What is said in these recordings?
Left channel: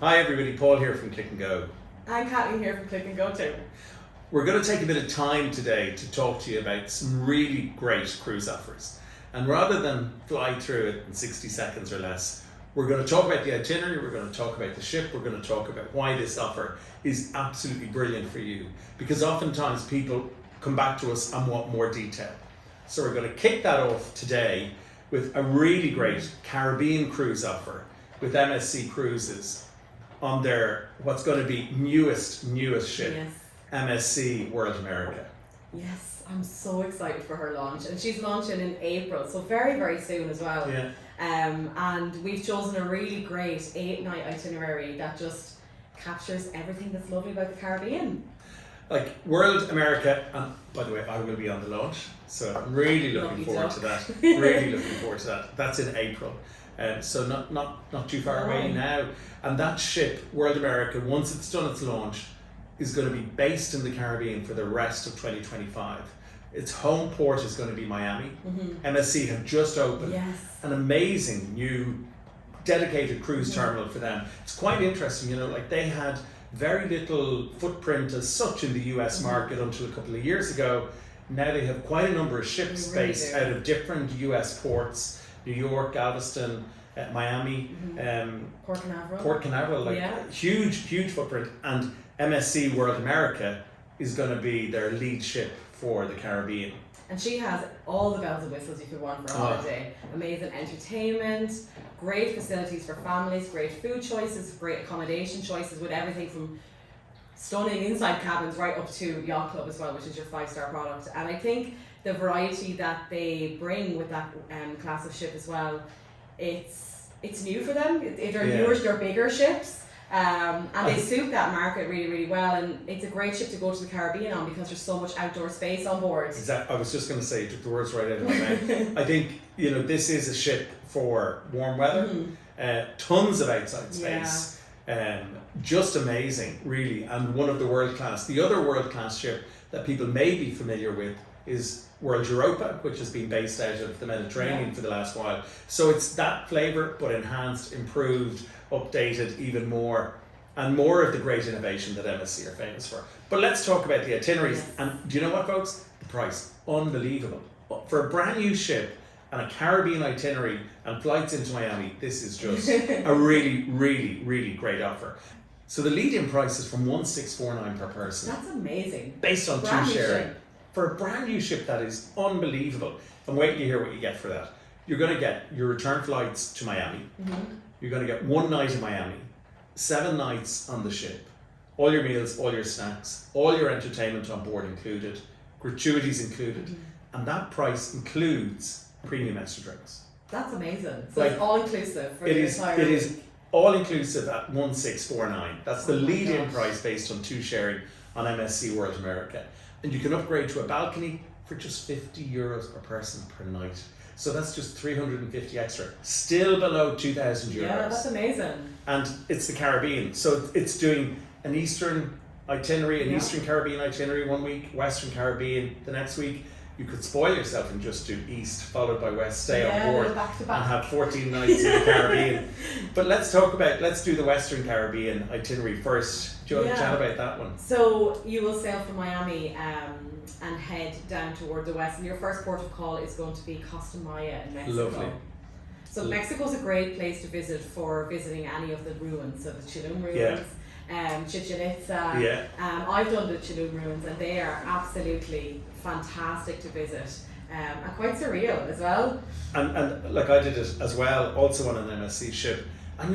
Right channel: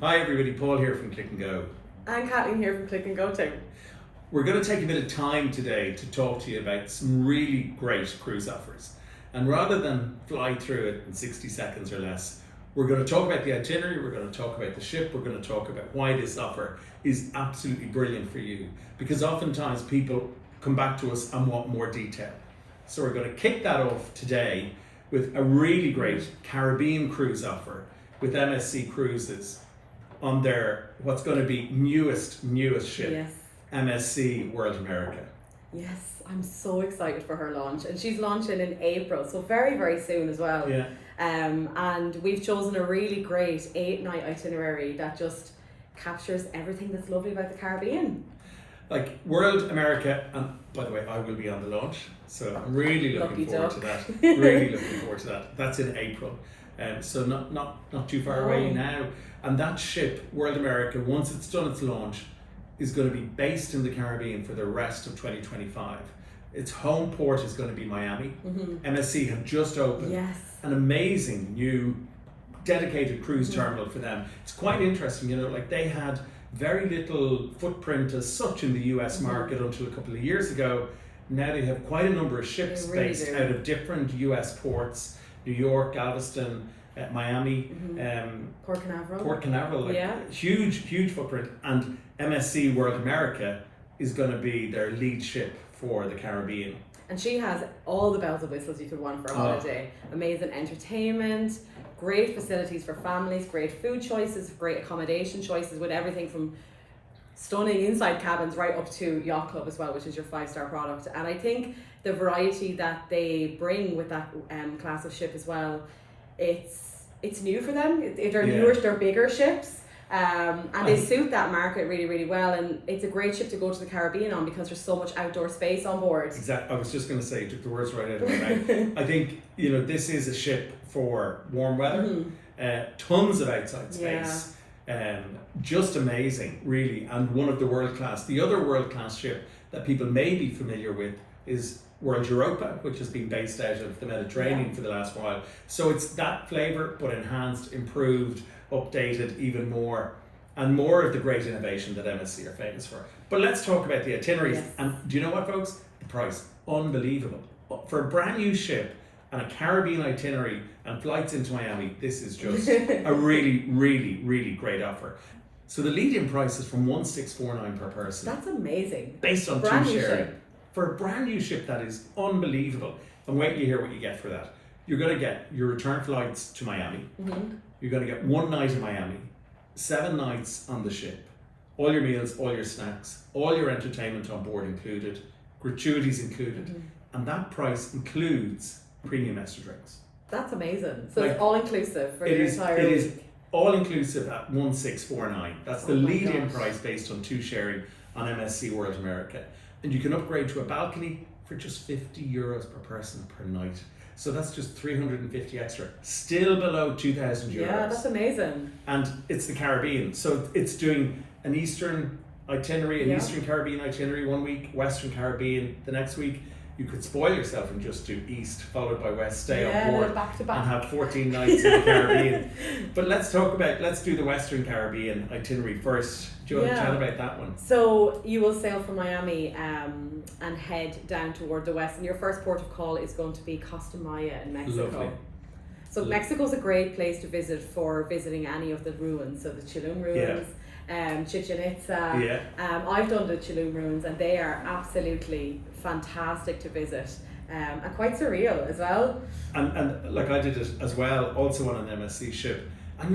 Hi everybody, Paul here from Click&Go. And Kathleen here from Click&Go too. We're going to take a bit of time today to talk to you about some really great cruise offers. And rather than fly through it in 60 seconds or less, we're going to talk about the itinerary, we're going to talk about the ship, we're going to talk about why this offer is absolutely brilliant for you. Because oftentimes people come back to us and want more detail. So we're going to kick that off today with a really great Caribbean cruise offer with MSC Cruises on their what's going to be newest ship, Yes. MSC World America. Yes, I'm so excited for her launch, and she's launching in April, so very, very soon as well. Yeah. And we've chosen a really great 8-night itinerary that just captures everything that's lovely about the Caribbean. Like World America, and by the way, I will be on the launch, so I'm really looking Lovely forward duck. to that. Really looking forward to that. That's in April, so not too far away now. And that ship, World America, once it's done its launch, is going to be based in the Caribbean for the rest of 2025. Its home port is going to be Miami. MSC have just opened Yes. an amazing new dedicated cruise terminal for them. It's quite interesting, you know, like they had very little footprint as such in the US market until a couple of years ago. Now they have quite a number of ships They really based do. out of different US ports, New York, Galveston, Miami, Port Canaveral, like huge footprint. And MSC World America is going to be their lead ship for the Caribbean. And she has all the bells and whistles you could want for a holiday. Amazing entertainment, great facilities for families, great food choices, great accommodation choices, with everything from stunning inside cabins right up to yacht club as well, which is your 5-star product. And I think the variety that they bring with that class of ship as well, it's new for them. They're newer, they're bigger ships. And they suit that market really, really well, and it's a great ship to go to the Caribbean on because there's so much outdoor space on board. Exactly. I was just going to say, you took the words right out of my mouth. I think, you know, this is a ship for warm weather, tons of outside space, just amazing, really, and one of the world-class. The other world-class ship that people may be familiar with is World Europa, which has been based out of the Mediterranean for the last while. So it's that flavour, but enhanced, improved, updated even more, and more of the great innovation that MSC are famous for. But let's talk about the itineraries. Yes. And do you know what, folks? The price, unbelievable. For a brand new ship and a Caribbean itinerary and flights into Miami, this is just a really great offer. So the lead-in price is from $1,649 per person. That's amazing. Based on Brand two new sharing. ship. For a brand new ship, that is unbelievable. And wait till you hear what you get for that. You're going to get your return flights to Miami. You're going to get 1 night in Miami, 7 nights on the ship, all your meals, all your snacks, all your entertainment on board included, gratuities included, and that price includes premium extra drinks. That's amazing. So Like, it's all inclusive for It your is entire it week. is all inclusive at $1,649. That's the Oh my lead-in gosh. price based on 2 sharing on MSC World America. And you can upgrade to a balcony for just €50 per person per night. So that's just 350 extra, still below 2,000 euros. Yeah, that's amazing. And it's the Caribbean, so it's doing an Eastern itinerary, an Eastern Caribbean itinerary 1 week, Western Caribbean the next week. You could spoil yourself and just do East followed by West, stay on board back to back. and have 14 nights in the Caribbean. But let's do the Western Caribbean itinerary first. Do you want to chat about that one? So you will sail from Miami and head down toward the west, and your first port of call is going to be Costa Maya in Mexico. Lovely. So Mexico's a great place to visit for visiting any of the ruins, so the Tulum ruins, Chichen Itza. I've done the Tulum ruins, and they are absolutely fantastic to visit, and quite surreal as well. And like I did it as well, also on an MSC ship, and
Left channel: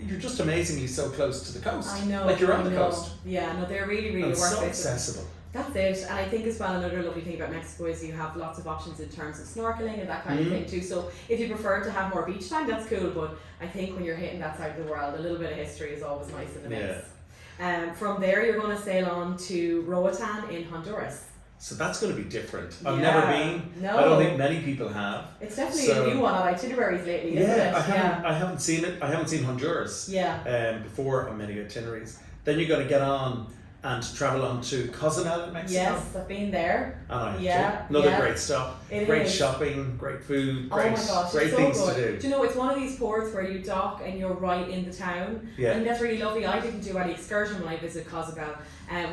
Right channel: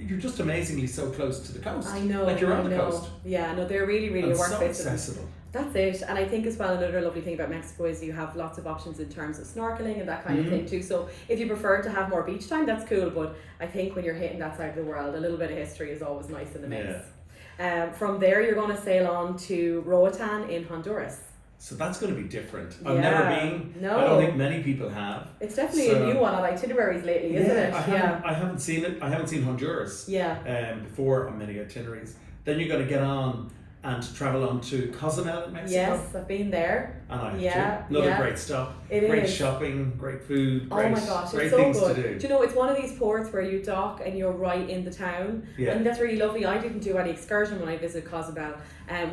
you're just amazingly so close to the coast. I know. Like you're on the coast. Yeah, no, they're really And worth so visiting. accessible. That's it. And I think as well, another lovely thing about Mexico is you have lots of options in terms of snorkeling and that kind of thing too. So if you prefer to have more beach time, that's cool. But I think when you're hitting that side of the world, a little bit of history is always nice in the mix. From there, you're going to sail on to Roatan in Honduras. So that's going to be different. I've never been. No. I don't think many people have. It's definitely a new one on itineraries lately, isn't it? I haven't seen it. I haven't seen Honduras Yeah. before on many itineraries. Then you're going to get on and travel on to Cozumel in Mexico. Yes, I've been there. And I Yeah, too. Another yeah. great stop. It Great is. shopping, great food, great, Oh my gosh, great it's so things good. to do. Do you know, it's one of these ports where you dock and you're right in the town. Yeah. And that's really lovely. I didn't do any excursion when I visited Cozumel.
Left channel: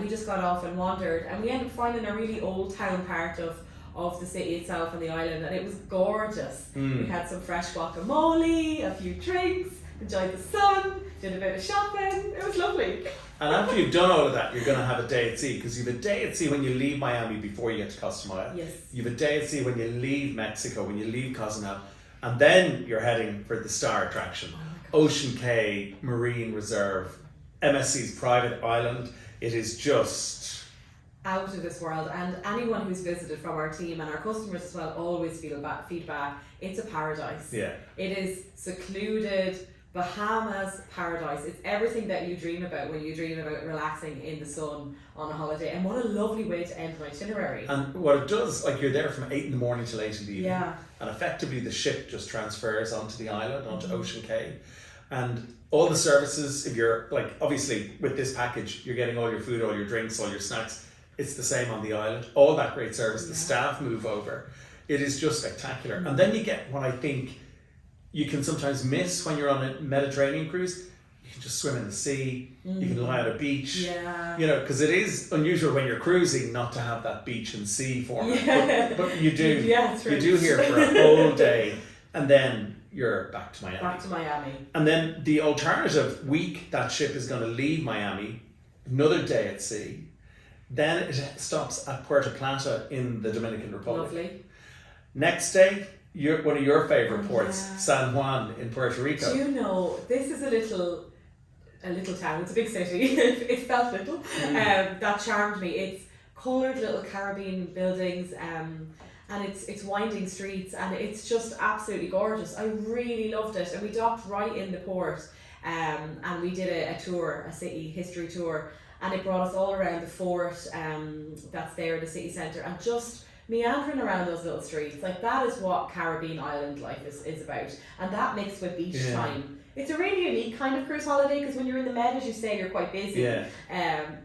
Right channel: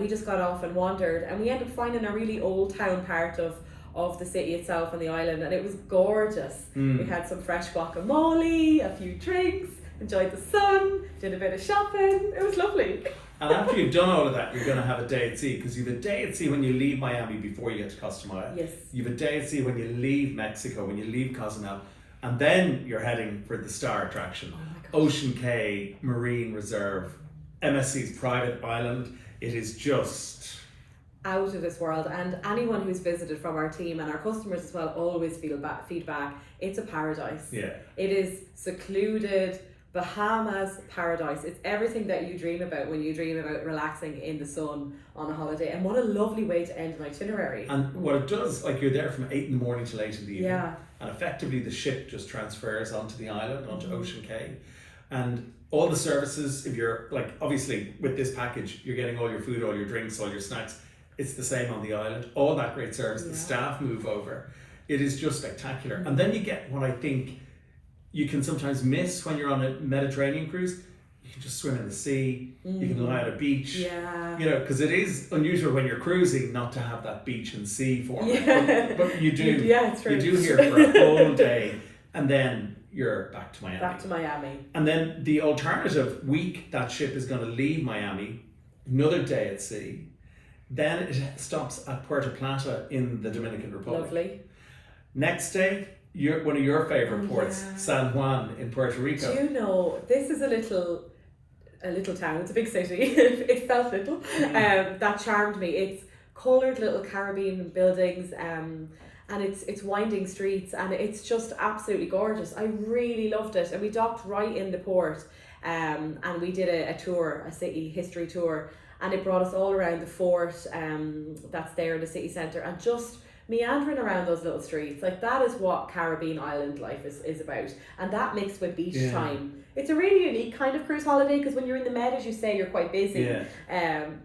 We just got off and wandered, and we ended up finding a really old town part of the city itself and the island, and it was gorgeous. We had some fresh guacamole, a few drinks, enjoyed the sun, did a bit of shopping. It was lovely. And after you've done all of that, you're going to have a day at sea, because you have a day at sea when you leave Miami before you get to Cozumel. Yes. You have a day at sea when you leave Mexico, when you leave Cozumel, and then you're heading for the star attraction, Ocean Cay Marine Reserve, MSC's private island. It is just out of this world, and anyone who's visited from our team and our customers as well always feedback. It's a paradise. Yeah. It is secluded, Bahamas paradise. It's everything that you dream about when you dream about relaxing in the sun on a holiday. And what a lovely way to end an itinerary. And what it does, like, you're there from 8 in the morning till 8 in the evening. Yeah. And effectively the ship just transfers onto the island, onto Ocean Cay. And all the services, if you're, like, obviously with this package, you're getting all your food, all your drinks, all your snacks. It's the same on the island. All that great service. Yeah. The staff move over. It is just spectacular. And then you get what I think you can sometimes miss when you're on a Mediterranean cruise. You can just swim in the sea. You can lie at a beach. Yeah. You know, because it is unusual when you're cruising not to have that beach and sea format. Yeah. But you do. Yeah, it's true. You do here for a whole day, and then you're back to Miami. Back to Miami. And then the alternative week, that ship is going to leave Miami, another day at sea. Then it stops at Puerto Plata in the Dominican Republic. Lovely. Next day, one of your favorite ports, yeah. San Juan in Puerto Rico. Do you know, this is a little town. It's a big city. It felt little. That charmed me. It's coloured little Caribbean buildings, and it's winding streets, and it's just absolutely gorgeous. I really loved it, and we docked right in the port, and we did a tour, a city history tour, and it brought us all around the fort that's there in the city centre, and just meandering around those little streets. Like, that is what Caribbean island life is about, and that mixed with beach time. It's a really unique kind of cruise holiday, because when you're in the Med, as you say, you're quite busy.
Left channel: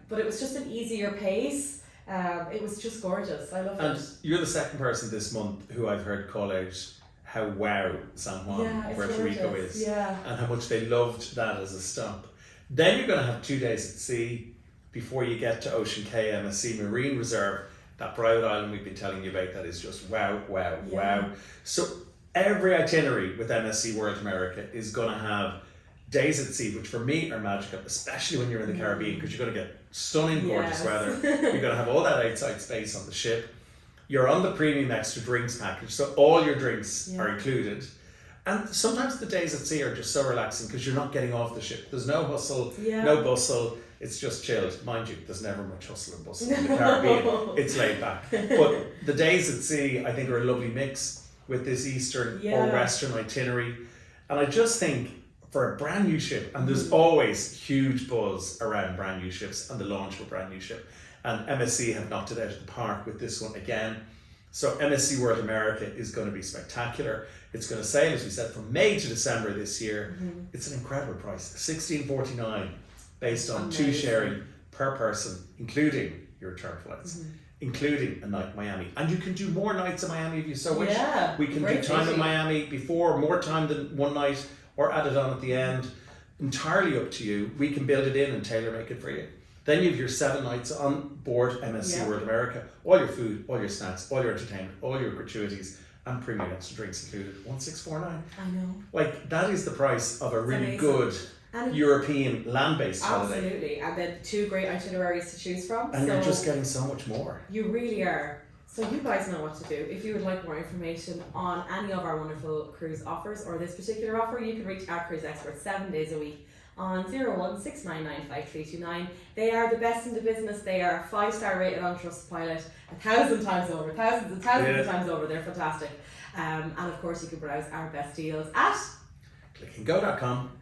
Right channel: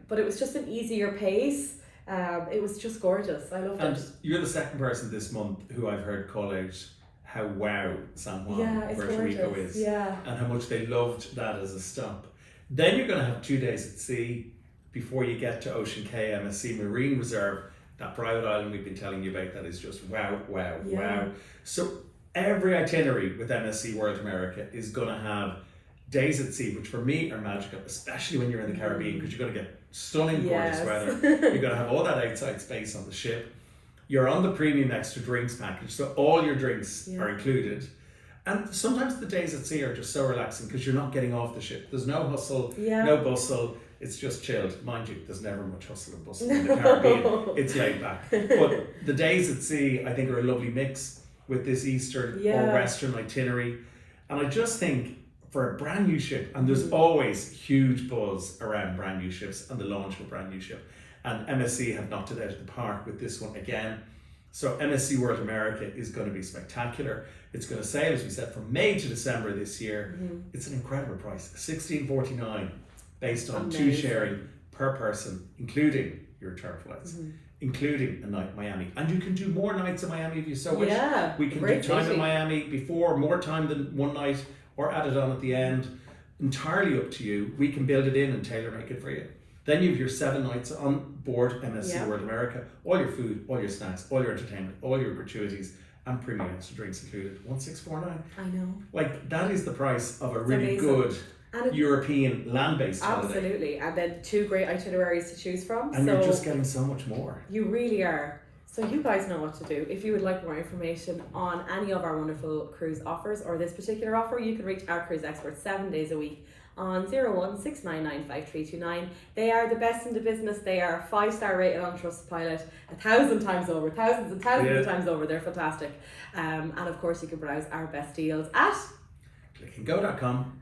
But it was just an easier pace. It was just gorgeous. I loved it. And you're the second person this month who I've heard call out how wow San Juan, Puerto Rico is, and how much they loved that as a stop. Then you're going to have 2 days at sea before you get to Ocean Cay, MSC Marine Reserve, that private island we've been telling you about. That is just wow. So every itinerary with MSC World America is going to have days at sea, which for me are magical, especially when you're in the Caribbean, because you're going to get stunning gorgeous weather. You're going to have all that outside space on the ship. You're on the premium extra drinks package, so all your drinks are included. And sometimes the days at sea are just so relaxing because you're not getting off the ship. There's no hustle, no bustle. It's just chilled. Mind you, there's never much hustle and bustle in the Caribbean. It's laid back. But the days at sea, I think, are a lovely mix with this eastern or western itinerary. And I just think for a brand new ship, and there's always huge buzz around brand new ships and the launch of a brand new ship. And MSC have knocked it out of the park with this one again. So MSC World America is going to be spectacular. It's going to sail, as we said, from May to December this year. It's an incredible price, $16.49, based on 2 sharing per person, including your return flights, including a night in Miami. And you can do more nights in Miami if you so wish. We can do time in Miami before, more time than one night, or add it on at the end. Entirely up to you. We can build it in and tailor make it for you. Then you have your 7 nights on board MSC World America, all your food, all your snacks, all your entertainment, all your gratuities, and premium extra drinks included. 1649. I know. Like, that is the price of a really good European land-based holiday. Absolutely. And then 2 great itineraries to choose from. And you're just getting so much more. You really are. So you guys know what to do. If you would like more information on any of our wonderful cruise offers or this particular offer, you can reach our cruise experts 7 days a week on 016995329. They are the best in the business. They are 5-star rated on Trustpilot 1,000 times over, thousands and thousands of times over. They're fantastic. And of course, you can browse our best deals at Click&Go.com.